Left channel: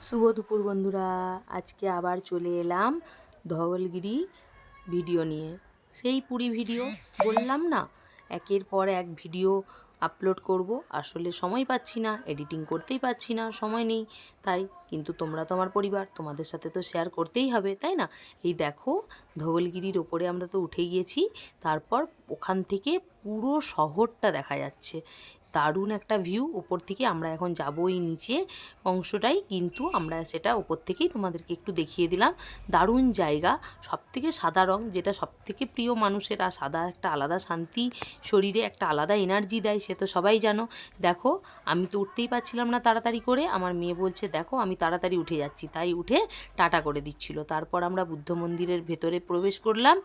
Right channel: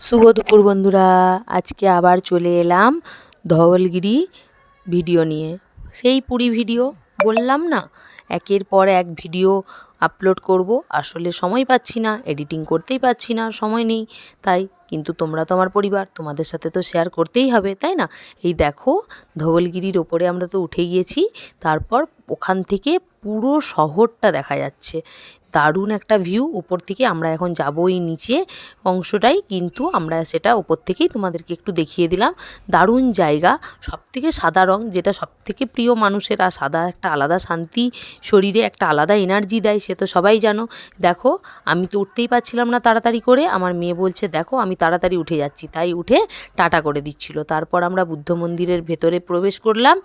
শুভ দুপুর বন্ধুরা, আজকে আবার চলে এলাম ধওলগিরি ভিডিও নিয়ে। সেই পুরী ভিডিও বললাম না, একের পর এক ভিডিও আপলোড করব, আসলে সময় পাচ্ছি না, এডিটিং করতেই পারছি না, সময় নেই। তাই কিন্তু তোমরা তো আমার পরিবার, তোমাদের সাথে তো শেয়ার করতেই হবে, তাই না? এই দেখো, ধওলগিরির ওপরে আমরা তো উঠে গিয়েছি। তারপর ওখান থেকে পুরো শহরটা দেখা যাচ্ছে। দারুণ একটা ভিউ ওপর থেকে। আমরা এখন যাবই নিচে অংশটাই, কিন্তু আমরা সেটা ওপর থেকেই তোমাদেরকে একটু দেখিয়ে দিলাম। দারুণ জায়গা, সবথেকে সাদা রং, যেটা সবথেকে প্রিয় মানুষের। আর সাদা একটা আলাদা শান্তি, শরীরে একটা আলাদা এনার্জি দেয়, সে তো সবাই জানো। দেখো, আমি তো উঠতেই পারছিলাম না তাড়াতাড়ি করে, আমার মেয়ে বলছে দেখো আমি তাড়াতাড়ি উঠে যাচ্ছি, তাই উঠে টাটা করে দিচ্ছিল। তারপর আমরা বুদ্ধ মন্দিরের ভেতরে প্রবেশ করলাম,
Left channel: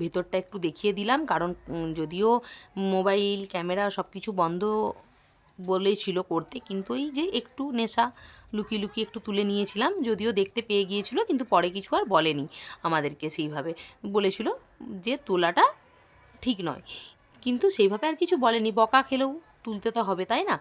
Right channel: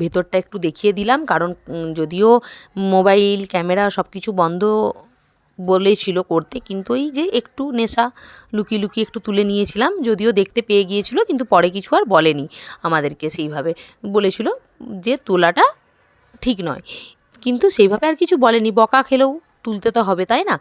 ভেতরটা একটু দেখিয়ে দিলাম, কারণ যদিও মোবাইল ক্যামেরা সব কিছু বন্ধ বলেছিল করতে, কিন্তু এই যে একটু নেশা লুকিয়ে লুকিয়ে একটু তুলে নিয়েছিলাম, যদিও দেখতে পেয়ে গিয়েছিল, কিন্তু পরে কিছু আর বলেনি আমাদেরকে। সেইভাবে বলেছিল যে তোলাটা ঠিক নয়, কিন্তু সেইভাবে আর কিছু বলেনি। বকা খেলেও তুলতে তো হবে, তাই না?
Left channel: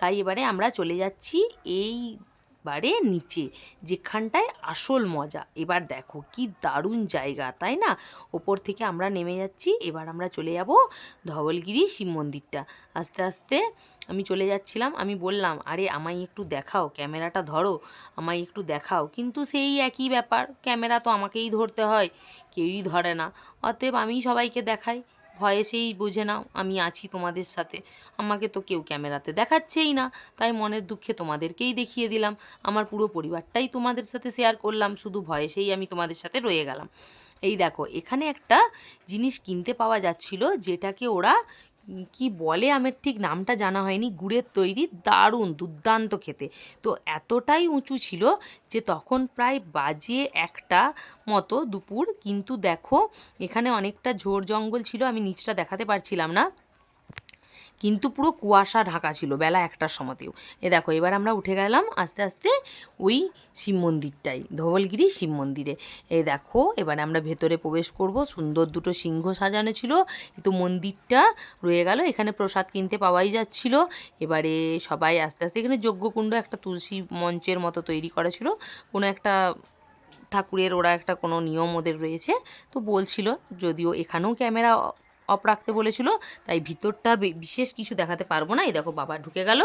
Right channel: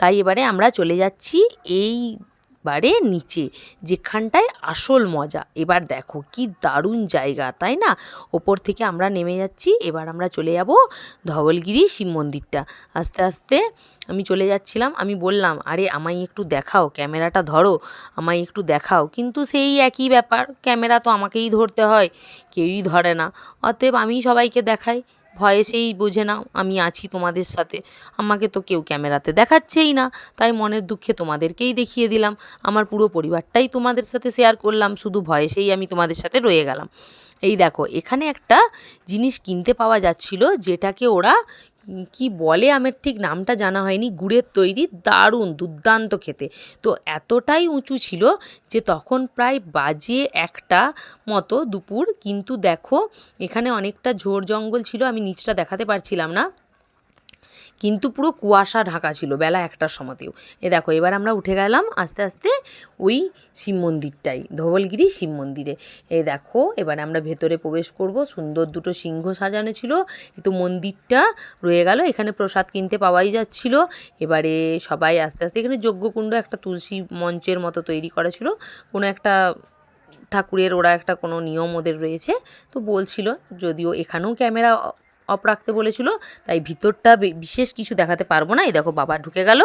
তাই এবারে আমরা চলে যাচ্ছি এইবারে নিচে, যেখানটায় আসল মজা। এবার দেখো কি দারুণ জায়গা, তাই না? ওপর থেকে আমরা নেমে যাচ্ছি, এবার আমরা চলে যাব ধওলগিরি শিব মন্দিরটা। আস্তে আস্তে আমি চলে যাচ্ছিলাম, আমি বললাম আরে আমায় একটু দেখাও, ক্যামেরাটা ধরো, আমায় একটু দেখাও, কিন্তু সেই একই ব্যাপার, ক্যামেরা তো আমাকেই ধরতে হয়, কেউই ধরে না। অতএব আমি সবাইকে দেখাই, ভয়েসেই বোঝে নাও আমি আছি তোমাদের সাথে, আমাকে তো কেউ ক্যামেরাতে দেখাচ্ছেই না। তাই মনের দুঃখে তোমাদেরকেই দেখিয়ে দিলাম, আমার পুরো পরিবারটাই তোমাদের সাথে শেয়ার করলাম, শুধু ভয়েসেই আমি তোমাদের সাথে রয়ে গেলাম। এই দেখো, এখানে একটা জিনিস কিনতে পাওয়া যাচ্ছিল, যেটাকে ওরা কি বলে, আমার ঠিক নামটা জানা হয়নি, গুড়ের তৈরি, দারুণ দুর্দান্ত খেতে। তো এতটাই উঁচু ছিল যে তখন প্রায় বাজে 1টা মতো দুপুর, কিন্তু দেখো এখানে অনেকটা ঝোড় জঙ্গল ছিল, আমি নিচটা দেখাতে পারছিলাম না, কিন্তু পুরো কুয়াশা ঢাকা ছিল বেলা 1টার সময়তেও। দেখো, এবার আমরা উঠে গেলাম আস্তে আস্তে ওই শিব মন্দিরটাই, ধওলগিরি শিব মন্দিরে। দেখো, এবারে আমরা ভেতরে প্রবেশ করব। সুন্দর দুটো সিংহ সাজানো ছিল, কিন্তু মন্দিরটা রয়ে গেল। এখানে প্রসাদ কিনতে পাওয়াই যাচ্ছিল। এবারে সবাই আস্তে আস্তে, এখানে যজ্ঞকুণ্ড, একটা তুলসী মঞ্চের মতো তৈরি করা ছিল, কোনো একটা ঠাকুরের ওরা একটা কোনো নিয়ম ওদের রয়েছে, তো বলছিল, যদিও এখানেও ক্যামেরা অফ রাখতে বলেছিল, তাই ভিতরটা বিশেষ কিছু দেখাতে পারবো না। এই দেখো বাবা ঢুকে গেল,